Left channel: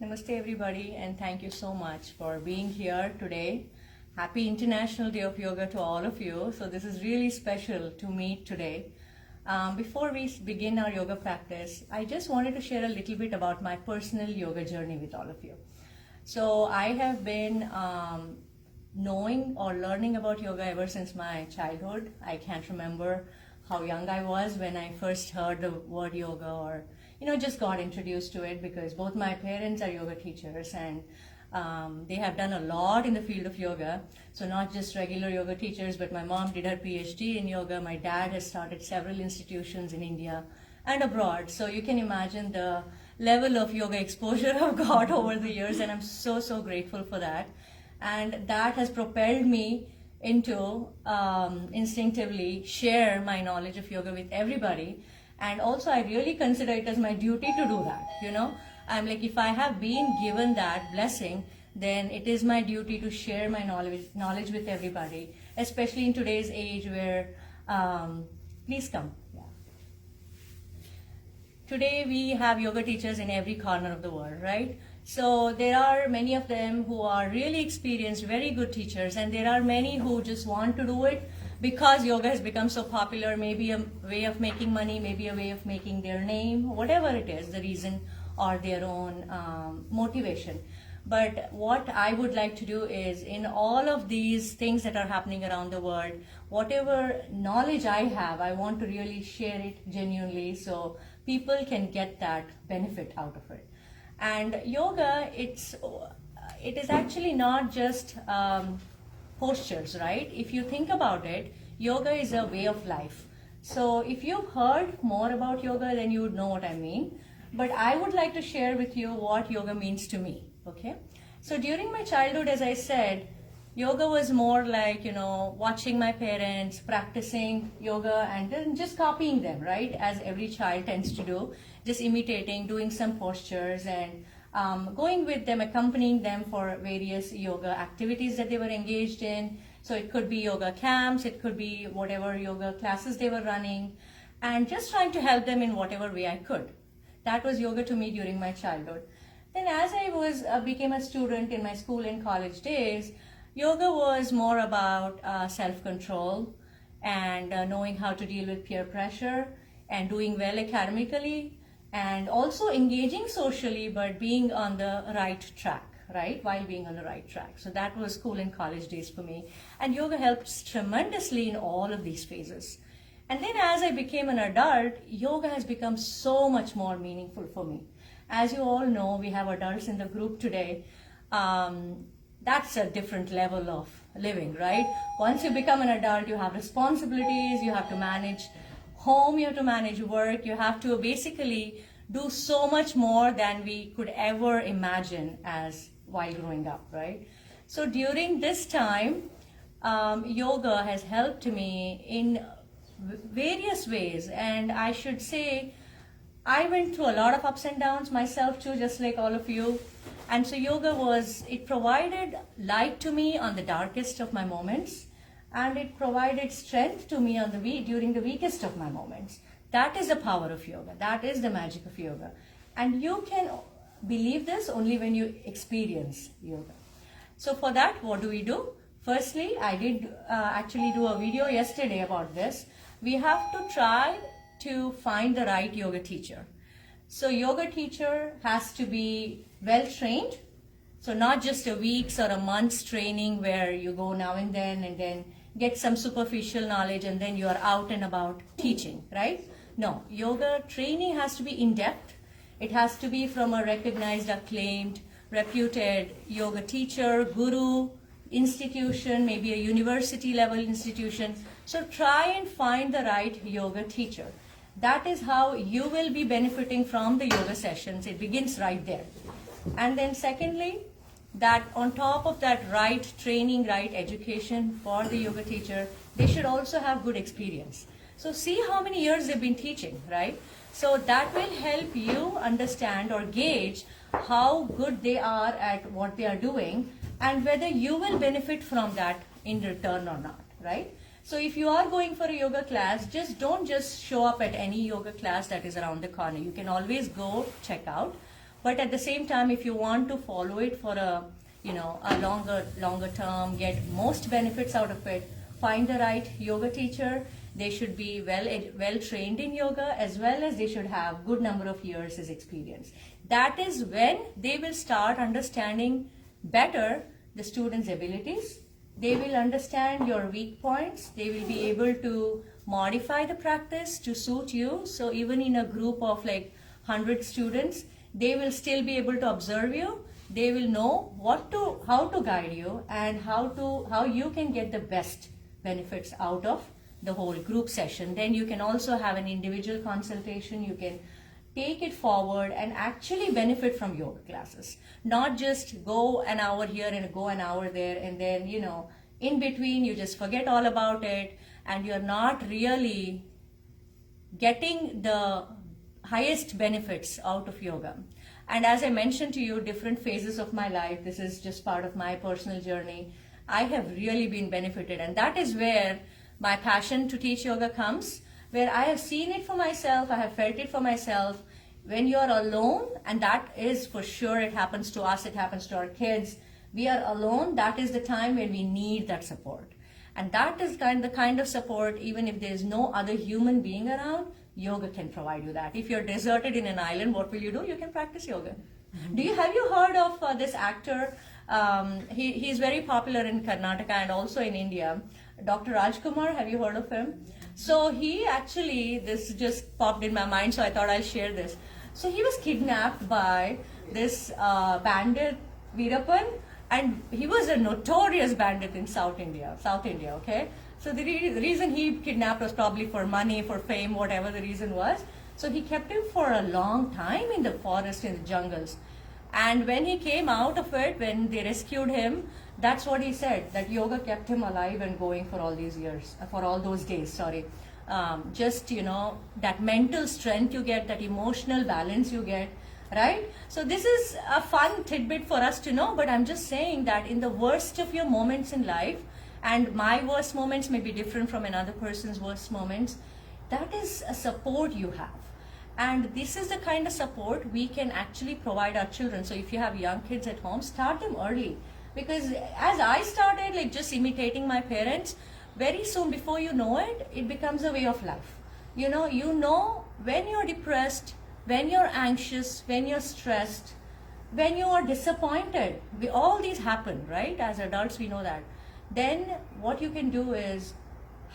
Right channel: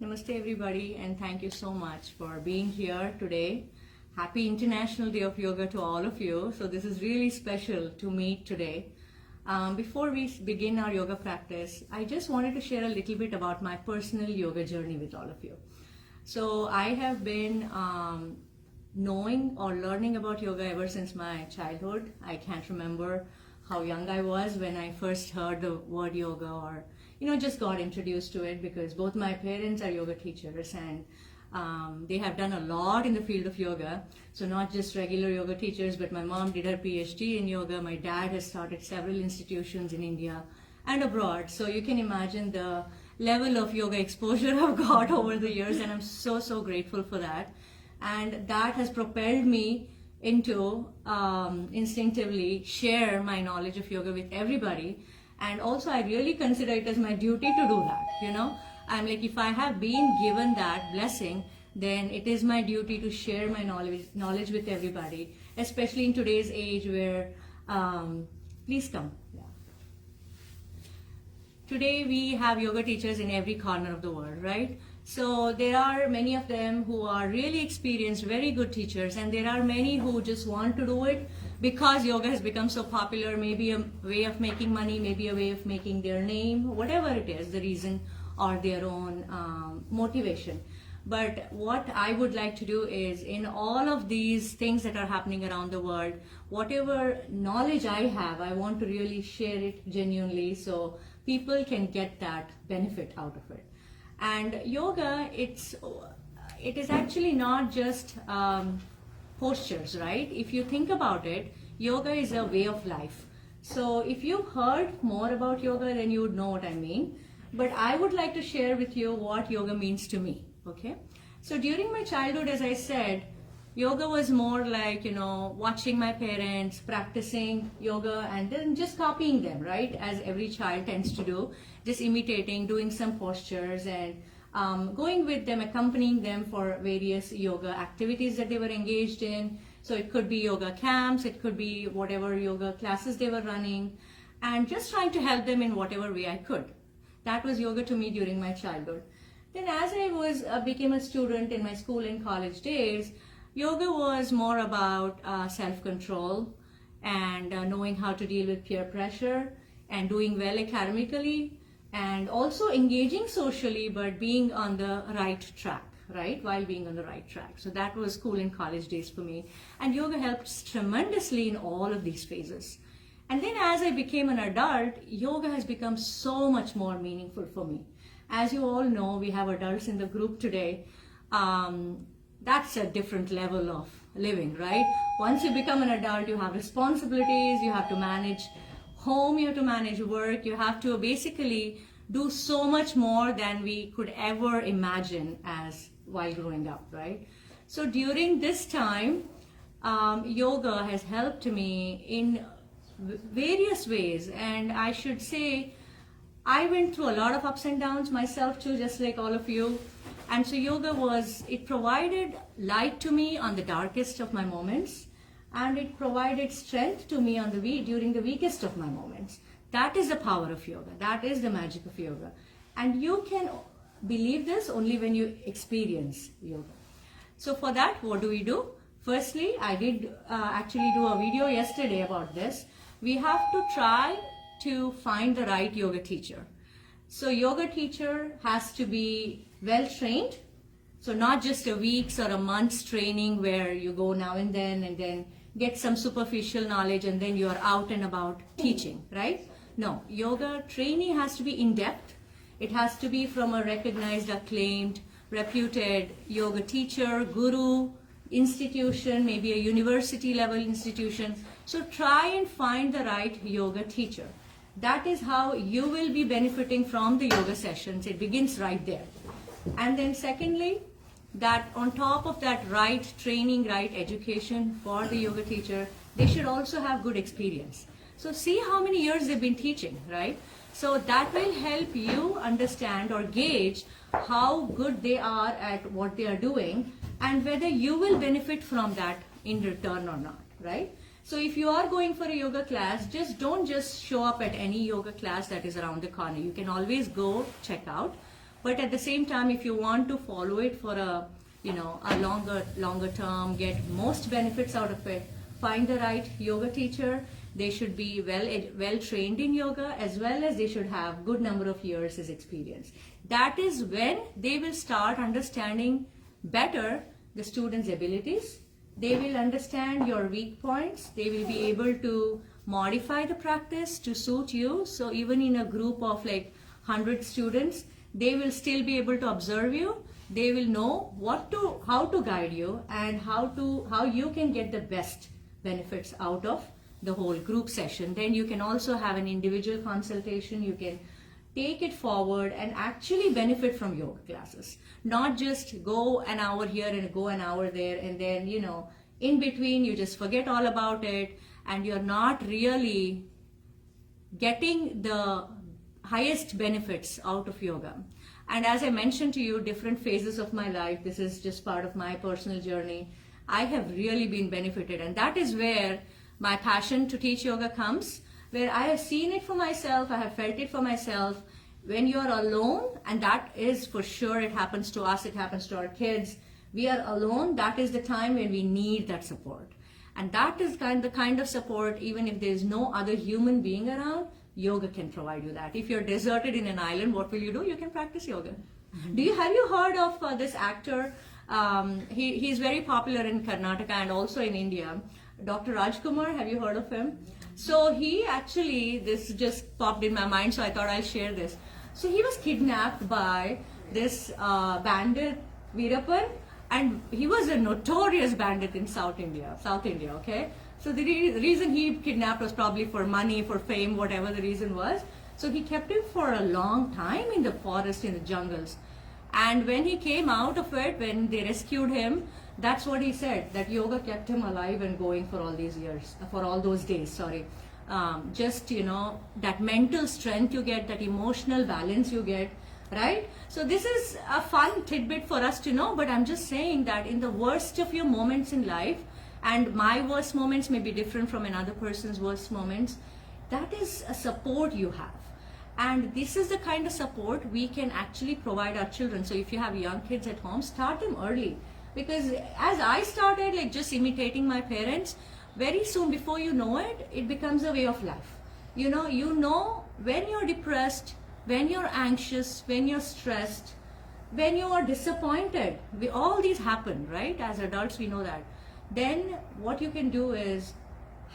Namaste everybody, and thank you so much for being here today. Happy International Day of Yoga to all of you. So this is really special to meet today. Before we begin our yoga practice, I just wanted to share a little bit about my personal yoga journey with all of you. So I have been knowing or learning about yoga ever since my childhood. I can't remember how young I was when I first heard the word yoga, or just got introduced to it, because both my parents are yoga teachers, and they have done a lot in the field of yoga. So not just regular yoga teachers, but my mom did her PhD in yoga. My dad has started several institutions in India and abroad. So you can imagine the level of yoga exposure I've got over the years, and I'm so grateful for that. And that has propelled me into instinctively share my knowledge of yoga with everybody. And also I really consider it as my duty to do that. I'm like, if I have been given that blessing, then it is my duty to share my knowledge with everybody, especially in today's age where, please come. Yeah. Today we have yoga teachers in every corner of the world, right? So there are many of them who are really experienced, very good teachers, and there are many who just want to do it because yoga has become so popular, maybe a way of making money, maybe a way of making their name, whatever it is, the reason or their own motivation. But what I would like to do is, in all of these things that are happening around the world, whatever knowledge I have, I want to really share it genuinely so people can get that benefit out of it. And yoga, it is actually not just postures, right? If you think about it, yoga is a way of life. So if you've heard more about yoga, then you would know what I mean. But I would like to share with you what yoga means to me, okay? So during my childhood, as I said, yoga was more like, watching my parents practicing yoga and then just copying them, right? As every child tends to do, just imitating, doing some postures, and going with them, accompanying them for various yoga activities that they were engaged in. So it could be yoga camps, it could be whatever yoga classes they were running, and just trying to help them in whatever way I could. That was yoga to me during my childhood. Then as I became a student in my school and college days, yoga was more about self-control and knowing how to deal with peer pressure and doing well academically, and also engaging socially, but being on the right track, right? While being on the right track. So that was school and college days for me. And yoga helps tremendously in all of these phases. And then as I became an adult, yoga has become so much more meaningful for me. As you all know, we have adults in the group today. That's a different level of living, right? Once you become an adult, you have responsibilities, you have to manage home, you have to manage work, you have to basically do so much more than we could ever imagine as while growing up, right? So during this time, yoga has helped me in various ways, and I should say I went through a lot of ups and downs myself too, just like all of you. And so yoga it provided light to me on the darkest of my moments, and it provided strength to me during the weakest of my moments. That is the power of yoga. That is the magic of yoga. And you can believe this only when you experience yoga. So for that, what do? Firstly, I did actually do a video yesterday about this. We have to try to find the right yoga teacher. So yoga teacher has to be well trained. So not just a week's or a month's training where you go now and then get some superficial knowledge and then you are out and about teaching, right? No, yoga training has to be in-depth. It has to be from a recognized, acclaimed, reputed yoga teacher, guru, institution, maybe a university level institution. So try and find the right yoga teacher. That is how you will be benefiting from the yoga sessions. It begins right there. And then secondly, that on top of that right training, right education for the yoga teacher, they should also have good experience. So see how many years they've been teaching, right? So that will help you understand or gauge how good they are at what they are doing and whether you will benefit from that in return or not, right? So if you are going for a yoga class, don't just show up at any yoga class that is around the corner. You can always go check out. But at the same time, if you want to follow it for a longer term, get most benefits out of it, find the right yoga teacher. They should be well trained in yoga, as well as they should have good number of years as experience. That is when they will start understanding better the students' abilities. They will understand your weak points. They will be able to modify the practice to suit you. So even in a group of like 100 students, they will still be able to observe you. They will know how to guide you, and how you can get the best benefits out of the whole group session. Then you can also have an individual consultation. You can take it forward and actually benefit from yoga classes. Not just go an hour here and go an hour there, and then, in between you just forget all about it, and you're not really getting the highest benefits out of yoga. And as I mentioned to you, different phases of my life, this is just part of my personal journey, I have really been benefited. And that is where my passion to teach yoga comes, where I have seen it for myself, I have felt it for myself. When you're alone, and that is for sure, it happens to us, it happens to our kids, we are alone, that is the time when we need that support. And that is the kind of support, even if there's no other human being around, yoga can provide you that. If you're deserted in an island, what will you do? You can practice yoga. Mm-hmm. Have you heard of this actor? He's very popular in Karnataka and also in India. Dr. Rajkumar, have you heard of him? So he actually, this just popped in my mind, so I thought I'll share this. So he was kidnapped by this bandit, Veerappan, and he was a notorious bandit in South India, okay? So the reason he kidnapped was probably for money, for fame, whatever the reason was. So he kept him for a long time in the forest, in the jungles. And when he came out of it, when they rescued him, that's what he said, that yoga kept him alive and going for all these years, for all those days, that mental strength you get, that emotional balance you get, right? So this is a fun tidbit for us to know, but I'm just saying that in the worst of your moments in life, and my worst moments may be different from another person's worst moments, that is a support you have. And this is the kind of support we can actually provide our children. So if you have young kids at home, start them early. Because as I started like just imitating my parents, very soon before you know it, it becomes a way of life. You know when you're depressed, when you're anxious, when you're stressed, when you are disappointed, all these happen, right? As adults, we know that. Then what you can do is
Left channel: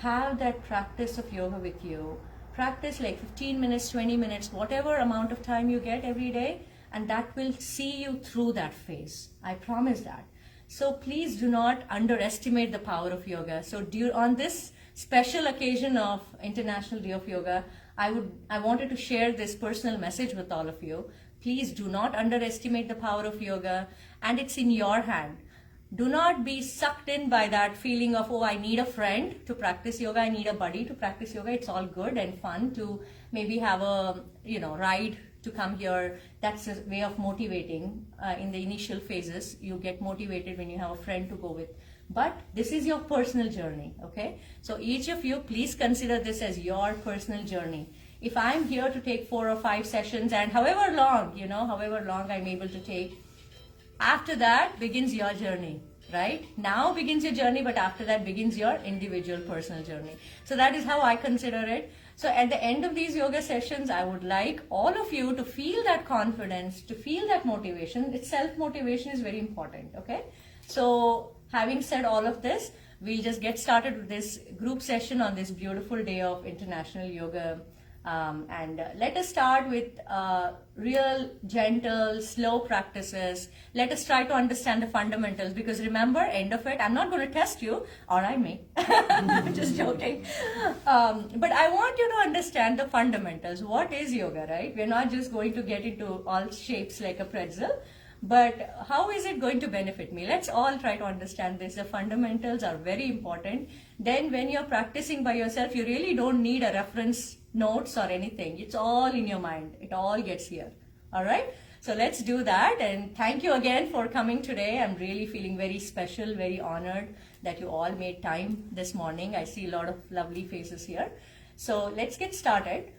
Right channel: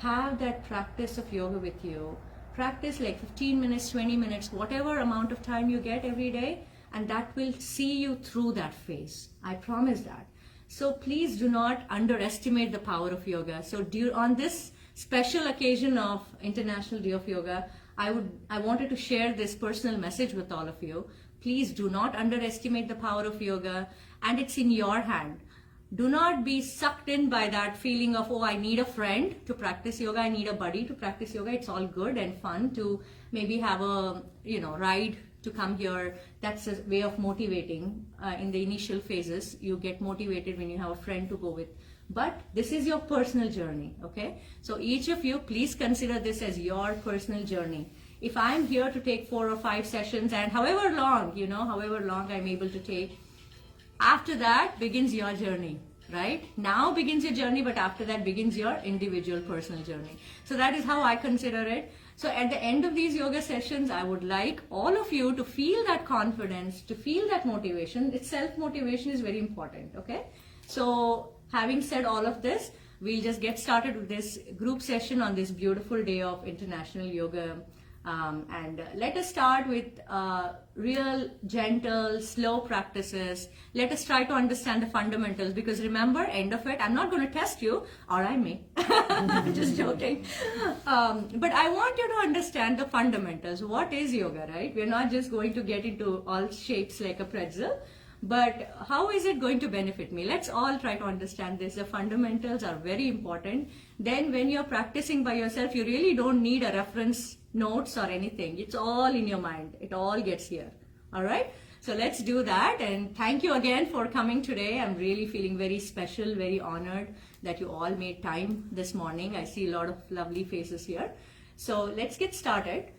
have that practice of yoga with you. Practice like 15 minutes, 20 minutes, whatever amount of time you get every day, and that will see you through that phase. I promise that. So please do not underestimate the power of yoga. So on this special occasion of International Day of Yoga, I wanted to share this personal message with all of you. Please do not underestimate the power of yoga, and it's in your hand. Do not be sucked in by that feeling of, oh, I need a friend to practice yoga, I need a buddy to practice yoga. It's all good and fun to maybe have a ride to come here. That's a way of motivating. In the initial phases, you get motivated when you have a friend to go with. But this is your personal journey, okay? So each of you, please consider this as your personal journey. If I'm here to take 4 or 5 sessions, and however long I'm able to take, after that begins your journey, right? Now begins your journey, but after that begins your individual personal journey. So that is how I consider it. So at the end of these yoga sessions, I would like all of you to feel that confidence, to feel that motivation. Self-motivation is very important, okay? So having said all of this, we'll just get started with this group session on this beautiful day of International Yoga. And let us start with real, gentle, slow practices. Let us try to understand the fundamentals, because remember, end of it, I'm not going to test you, or I may. I'm just joking. But I want you to understand the fundamentals. What is yoga, right? We're not just going to get into all shapes like a pretzel, but how is it going to benefit me? Let's all try to understand this. The fundamentals are very important. Then when you're practicing by yourself, you really don't need a reference notes or anything. It's all in your mind. It all gets here. All right? So let's do that. And thank you again for coming today. I'm really feeling very special, very honored that you all made time this morning. I see a lot of lovely faces here. So let's get started.